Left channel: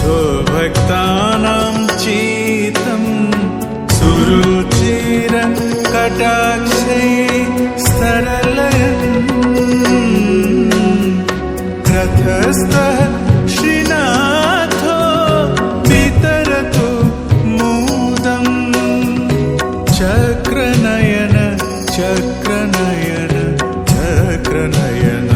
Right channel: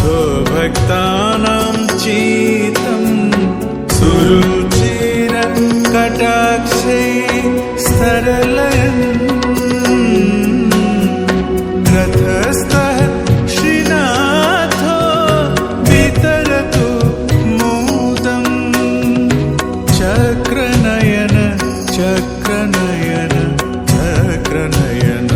स्वभक्तानां चित्तं सुरुचिर कटाक्षै स्तरलयन् रथस्थः श्रीनाथो वितरतु मोदम् चक्रनयन चक्रनयन चक्रनयन।